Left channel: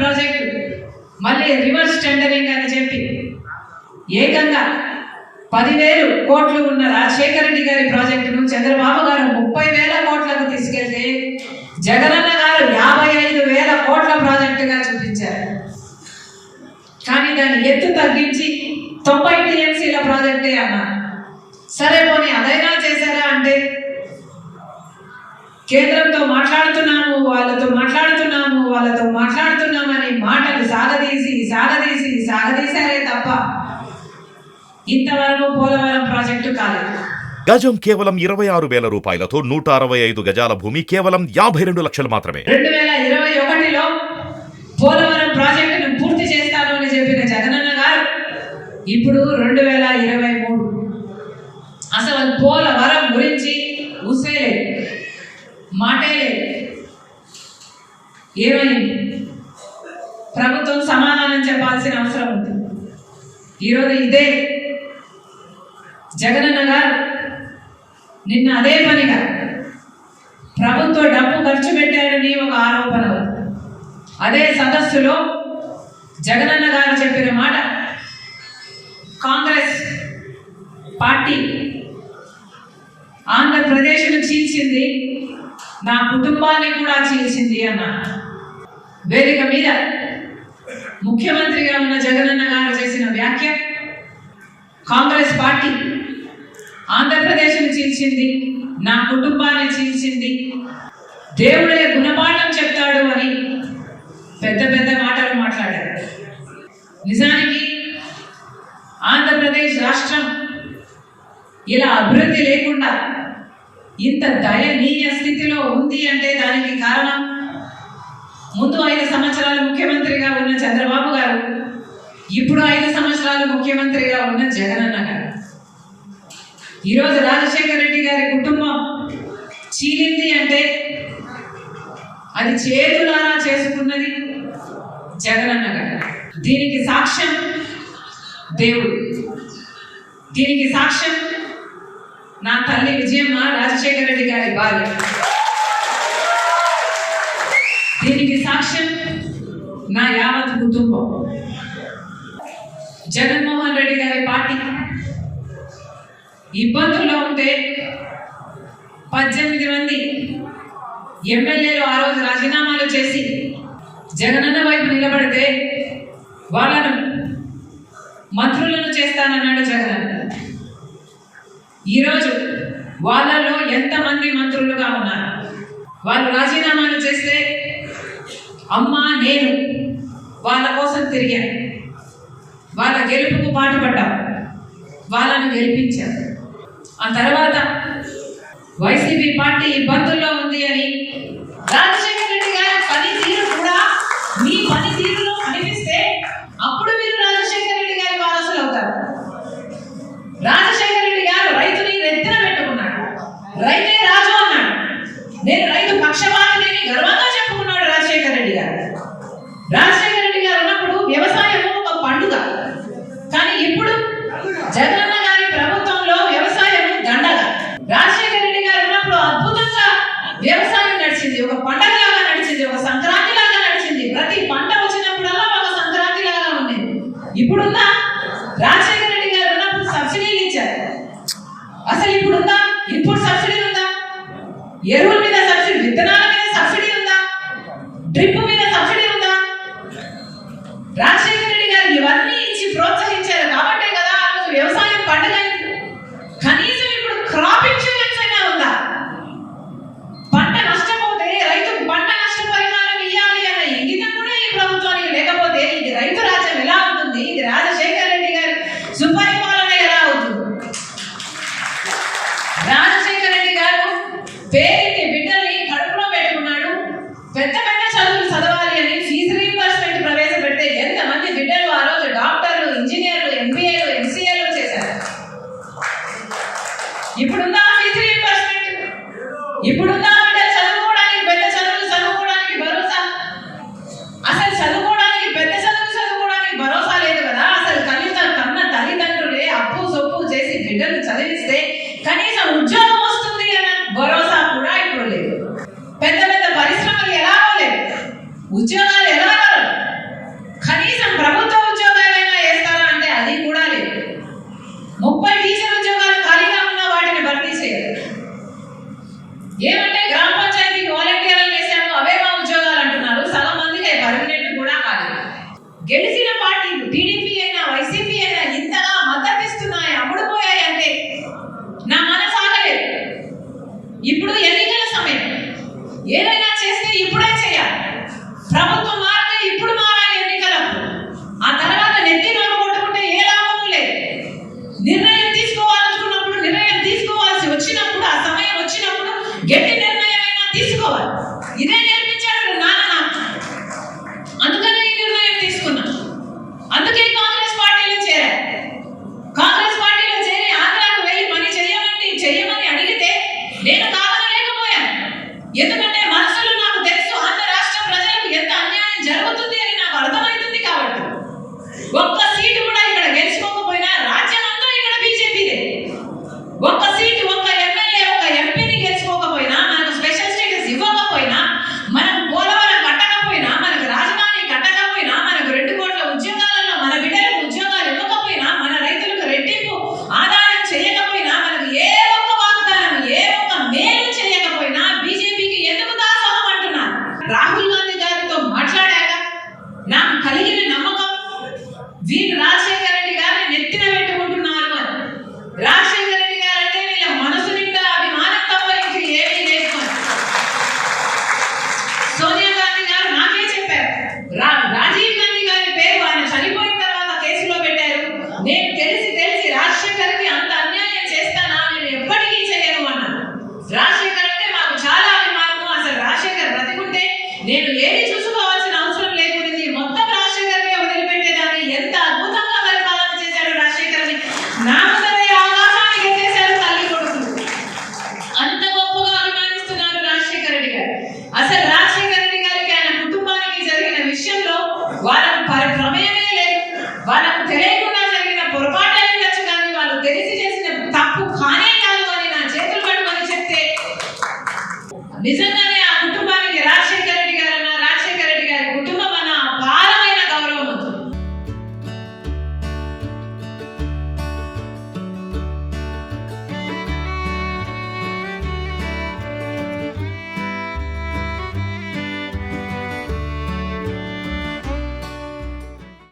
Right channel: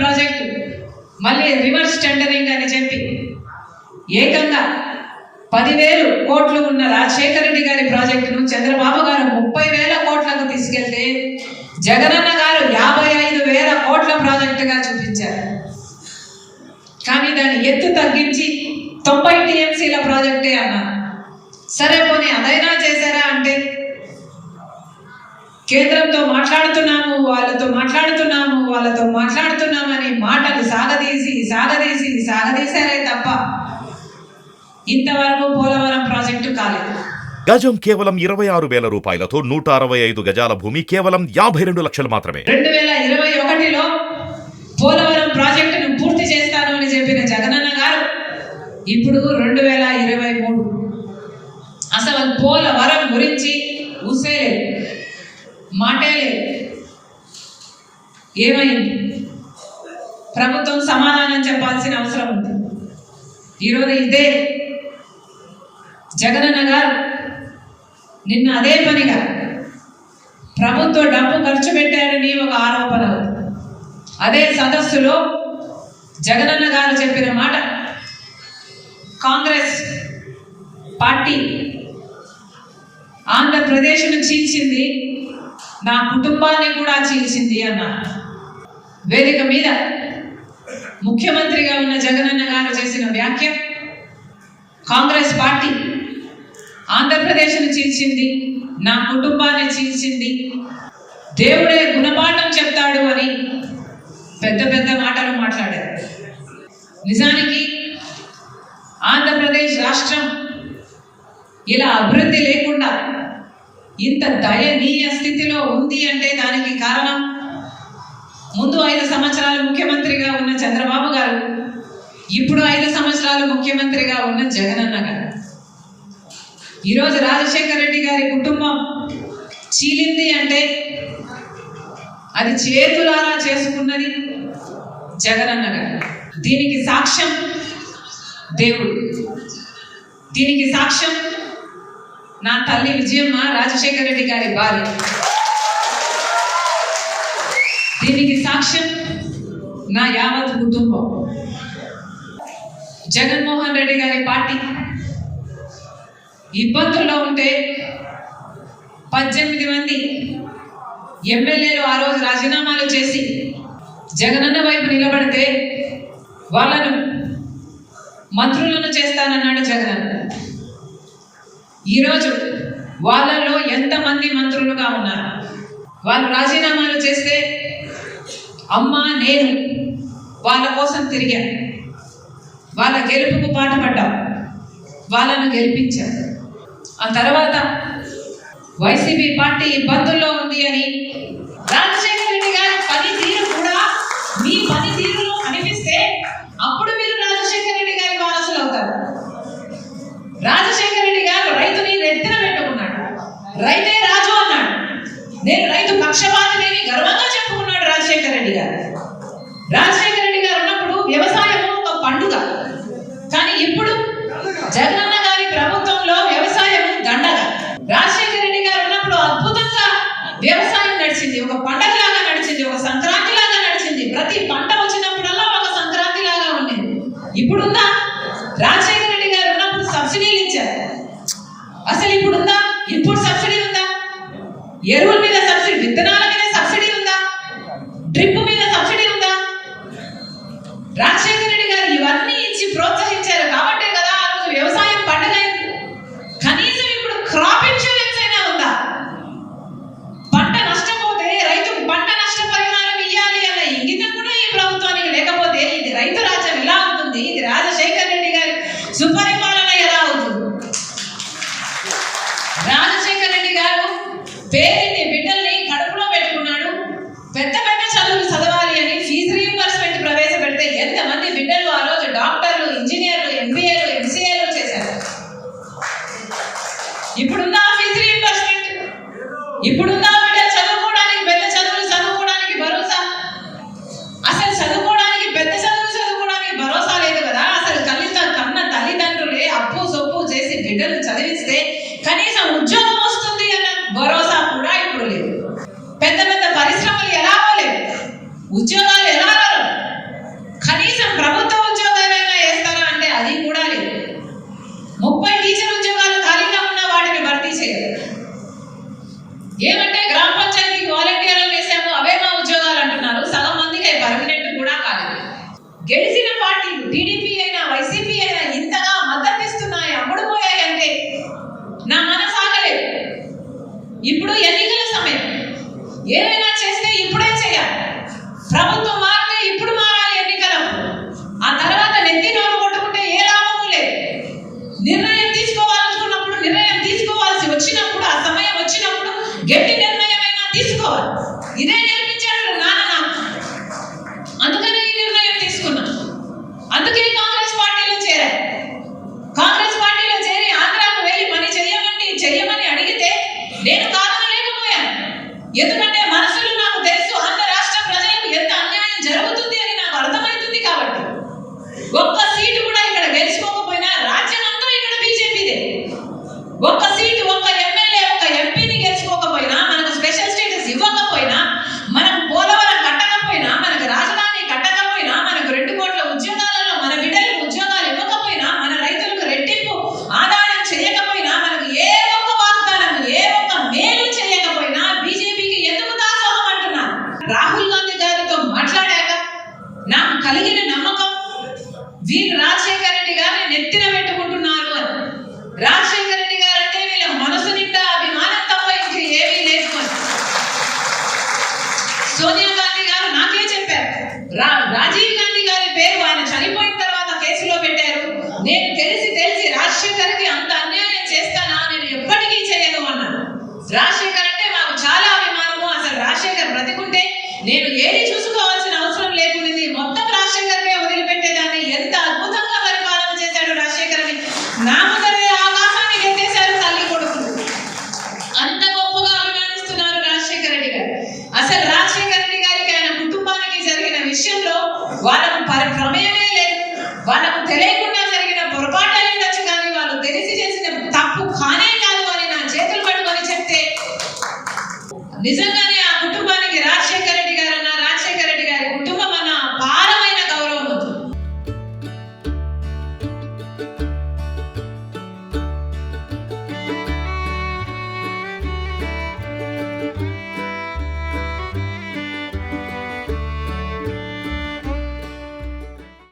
Project మళ్ళీ reverse tendering అని చెప్పి ఏకంగా 10,000 కోట్లు ఉన్న రాజశేఖర రెడ్డి గారి ప్రాజెక్టును చంద్రబాబు గారు 30,000 కోట్లకు తీసుకెళ్తే జగనన్న గారు 55,000 కోట్ల ప్రాజెక్టుగా చూపించారు. కానీ దాన్ని ఎత్తు తగ్గించి 90 టీఎంసీల ప్రాజెక్టే అన్నారు. సరే పోనీ అదైనా చేశారా అంటే కేంద్రంతో వాళ్ళతో మాట్లాడుతున్నామని మాటలు సాగదీశారే తప్ప ఇంతవరకు పోలవరం ప్రాజెక్టు కాలేదు. గజం కేవలం 26,000 రూపాయలతో 165 గజాల భూమి కేవలం 52 లక్షలు మాత్రమే. 2021లో పోలవరం ప్రాజెక్టును పూర్తి చేస్తాను అని చెప్పిన జగనన్న గారు ఇప్పుడు 2023 అసలు పోలవరం గురించి ఊసేలేదు, మాటే లేదు. ఏమైంది? ప్రభుత్వం సమాధానం చెప్పాల్సిన అవసరం ఉంది. ఈరోజు ఇదే జగనన్న గారు నిన్న అదే పనిగా ప్రభుత్వ డబ్బు ఖర్చు పెట్టారని ఒక ఆరోపణ. అదే సదస్సులో జగనన్న గారు చెప్పిన మాట, కాంగ్రెస్ పార్టీ ఆంధ్రప్రదేశ్ను చీల్చింది, నా కుటుంబాన్ని కూడా చీల్చింది అన్నారు. వేదిక మీద ముఖ్యమంత్రిగా ఉన్న జగనన్న గారు చేసిన వ్యాఖ్య, కాంగ్రెస్ పార్టీ ఆంధ్రప్రదేశ్ను చీల్చింది, నా కుటుంబాన్ని చీల్చింది, దేవుడే గుణపాఠం చెప్తాడు అని పెద్ద పెద్ద మాటలు మాట్లాడారు. నిజానికి ఆంధ్రప్రదేశ్ రాష్ట్రం ఇలా అభివృద్ధి లేకుండా ఇంత దయనీయ స్థితిలో ఉంది అంటే దానికి కారణం ముందు 5 సంవత్సరాలు ముఖ్యమంత్రిగా ఉన్న చంద్రబాబు గారు, ఇప్పుడు 5 సంవత్సరాలు ముఖ్యమంత్రిగా ఉన్న జగనన్న గారు. ఈరోజు రాజశేఖర రెడ్డి గారి కుటుంబం చీలింది అంటే అది చేతులారా చేసుకున్నది జగనన్న గారు. దీనికి సాక్ష్యం దేవుడు, దీనికి సాక్ష్యం నా తల్లి విజయమ్మ, రాజశేఖర రెడ్డి గారి భార్య, దీనికి సాక్ష్యం నా యావత్ కుటుంబం. జగన్మోహన్ రెడ్డి గారి పార్టీ ఇబ్బందుల్లో ఉంటే 18 మంది ఎమ్మెల్యేలు ఆ రోజు రాజీనామాలు చేసి జగనన్న వైపు నిలబడితే వాళ్ళను మంత్రులను చేస్తానన్నాడు జగనన్న. ఈరోజు వాళ్ళలో ఎంతమంది మంత్రులుగా ఉన్నారు? వాళ్ళు రాజీనామాలు చేస్తే అమ్మ నేను వాళ్ళ కోసం తిరిగాను, వాళ్ళ గెలుపుకు పాటుపడ్డాం, వాళ్ళను గెలిపించాం. ఆ తర్వాత వైసీపీ పార్టీ ఇబ్బందుల్లో ఉంది అని రాజశేఖర రెడ్డి గారి పనితీరు కూడా మీ పనితీరులో కనిపిస్తే అప్పుడు మీరు రాజశేఖర రెడ్డి గారి వారసులు అవుతారు. రాజశేఖర రెడ్డి గారు రైతుని ఎత్తున పెట్టుకున్నాడు, రైతే రాజు అన్నాడు. నేను రైతు పక్షపాతిని గర్వంగా చెప్పుకున్నాడు రాజశేఖర రెడ్డి గారు. రాజశేఖర రెడ్డి గారు ఉన్నప్పుడు వ్యవసాయం ఒక పండుగ, కానీ ఇప్పుడు జగనన్న గారి ప్రభుత్వంలో వ్యవసాయం దండగ. రాజశేఖర రెడ్డి గారు ఉన్నప్పుడు అద్భుతంగా వ్యవసాయం నడిచింది, ఒక పండగలాగా నడిచింది, ఒక సంక్రాంతి లాగా నడిచింది. ప్రతి పంట వచ్చినప్పుడల్లా ఒక సంక్రాంతి లాగా ఉండేది. ఇప్పుడుందా? రాజశేఖర రెడ్డి గారు ఉన్నప్పుడు సబ్సిడీలు ఇచ్చారు, అసలు ఇప్పుడుందా? ఇన్పుట్ సబ్సిడీ ఉందా? ఎరువుల మీద సబ్సిడీ, విత్తనాల మీద సబ్సిడీ ఉందా? డ్రిప్ మీద సబ్సిడీ ఉందా? రాజశేఖర రెడ్డి గారు ఇవన్నీ ఇచ్చి ప్రోత్సహించారు కాబట్టే కదా ఆ రోజు వ్యవసాయం పండుగ. కనీసం ఇప్పుడు క్రాప్ ఇన్సూరెన్స్ అయినా ఉందా? పంట నష్టపోతే రైతుకు పంట నష్ట పరిహారం ఇవ్వాలి అన్న ఇంగితం కూడా ఈ ప్రభుత్వానికి లేకపోతే ఇది రైతు రాజ్యం ఎలా అవుతుంది? ఇది రాజశేఖర రెడ్డి గారి సుపరిపాలన ఎలా అవుతుంది? రాజశేఖర రెడ్డి గారు పేరుని బిడ్డల్ని కడుపులో పెట్టుకున్నాడు, పెద్ద పెద్ద చదువులు చదవాలి అని ఫీజు రీయింబర్స్మెంట్ ప్రవేశపెడితే ఎంతమంది బిడ్డలు ఆ రోజు డాక్టర్లు, ఇంజనీర్లు, ఎంబీఏలు, ఎంసీఏలు చేశారు. ఇప్పుడున్న ఫీజు రీయింబర్స్మెంట్, ఇప్పుడున్న బిడ్డలు చదువుకోవడానికి, పెద్ద చదువులు చదువుకోవడానికి భరోసా. అసలు చదువుకోవడానికి, పెద్ద చదువులు చదువుకోవడానికి భరోసా లేదు కదా. అసలు కన్న తల్లిదండ్రులే అప్పు సొప్పు చేసి బిడ్డలు చదివిస్తే కనీసం ఉద్యోగం వస్తుంది అన్న భరోసా కూడా ఇప్పుడు లేదు. పెద్ద పెద్ద పరిశ్రమలు ఎలా లేవు, ఉద్యోగాలు ఎలా రావు. గెలిచిన పార్టీలు టీడీపీ అయినా వైసీపీ అయినా ఇంతగా మద్దతిస్తున్నాయి, అమ్ముడుపోయాయంటే నా మనసు ఆగలేదు. ఇప్పుడు ఎన్నికల సమయం, ఏదైనా చేస్తే ఇప్పుడే చేయాలి. ప్రభుత్వం మారితే ఇప్పుడు మారాలి ఎన్నికలకు. ఆ తర్వాత నెత్తి నోరు కొట్టుకుంటే ఏ లాభము లేదు. నిర్ణయం తీసుకోవాలనుకున్నప్పుడు, నిర్ణయం తీసుకోవాల్సి వచ్చినప్పుడు, ఆ సమయం వచ్చినప్పుడు గట్టి నిర్ణయమైనా తీసుకోవాలి. ఇదే నేర్పించాడు నాన్న నాకు. అందుకనే ఈ నిర్ణయం తీసుకున్నా. అందుకే కాంగ్రెస్ పార్టీలో చేరారు. కాంగ్రెస్ పార్టీలో చేరి ఆంధ్రాకు వెళ్ళి పని చెయ్యమని అడిగితే నేను కాదనలేకపోయాను. ఎందుకంటే మనసులో నాకు తెలుసు ఆంధ్ర రాష్ట్ర ప్రజలకు ఎంత అన్యాయం జరుగుతుంది అని నాకు అర్థమవుతుంది. కాబట్టి ఒక్క సీటు కూడా ఇక్కడ గెలుచుకోకపోయినా రాజ్యం అంతా ఇక్కడ బీజేపీదే. ఒక్క సీటు, ఒక్క ఎమ్మెల్యే, ఒక్క ఎంపీని గెలుచుకోకపోయినా, మనకు స్పెషల్ స్టేటస్ ఇవ్వకపోయినా, మనం పోలవరం కట్టకపోయినా, మనకు రాజధాని కట్టకపోయినా, మనకు 2 కోట్ల ఉద్యోగాలలో మన బిడ్డలకు ఉద్యోగాలు ఇవ్వకపోయినా, మన రైతులకు రెట్టింపు ఆదాయం చేయకపోయినా, మనకు ఏ ఒక్క వాగ్దానం, ఏ ఒక్క మేలు చేయకపోయినా బీజేపీకి ఎందుకు దాసోహం అంటున్నారు? రాహుల్ గాంధీ గారితో మాట్లాడాక నాకు కలిగిన నమ్మకం, వీళ్ళు రాజశేఖర రెడ్డి గారిని నెత్తిన పెట్టుకుంటున్నారు అని. రాజశేఖర రెడ్డి గారంటే వీళ్ళ మనసు నిండా అభిమానం తప్ప ఇంక ఏమీ లేదు అని. సోనియా గాంధీ గారు నాకే చెప్పారు, రాజీవ్ గాంధీ గారి పేరు ఆయన చనిపోయిన తర్వాత కేసులో పెట్టారు. నేను తెలిసి రాజశేఖర్కి అంత అన్యాయం చేస్తానా, నేను ఎప్పటికీ చేయను అన్నాను. రాజశేఖర్ అంటే మాకు చాలా అభిమానము. అసలు రాజశేఖర్ బ్రతికుంటే నేను ఏది చూసుకోవాల్సిన అవసరం లేకుండింది, మొత్తం రాజశేఖర్కే వదిలిపెట్టేదాన్ని. ఎంత అద్భుతంగా పరిపాలన చేశాడు రాజశేఖర్ అని నా ముందరే ఆకాశానికి ఎత్తేశారు తల్లి కొడుకులు. అంత గొప్పగా అభిమానిస్తున్నారు రాజశేఖర రెడ్డి గారు. అసలు రాజశేఖర రెడ్డి గారికి, ఆయన కుటుంబానికి జరిగిన విషయంలో వాళ్ళకు ప్రమేయమే లేదు. వాళ్ళకు తెలియకుండా జరిగిన పొరపాటు అయిందచ్చు, కానీ వాళ్ళు తెలిసి చేసిన తప్పు కానే కాదు అని నా చేతులు పట్టుకొని చెప్తే నిజంగానే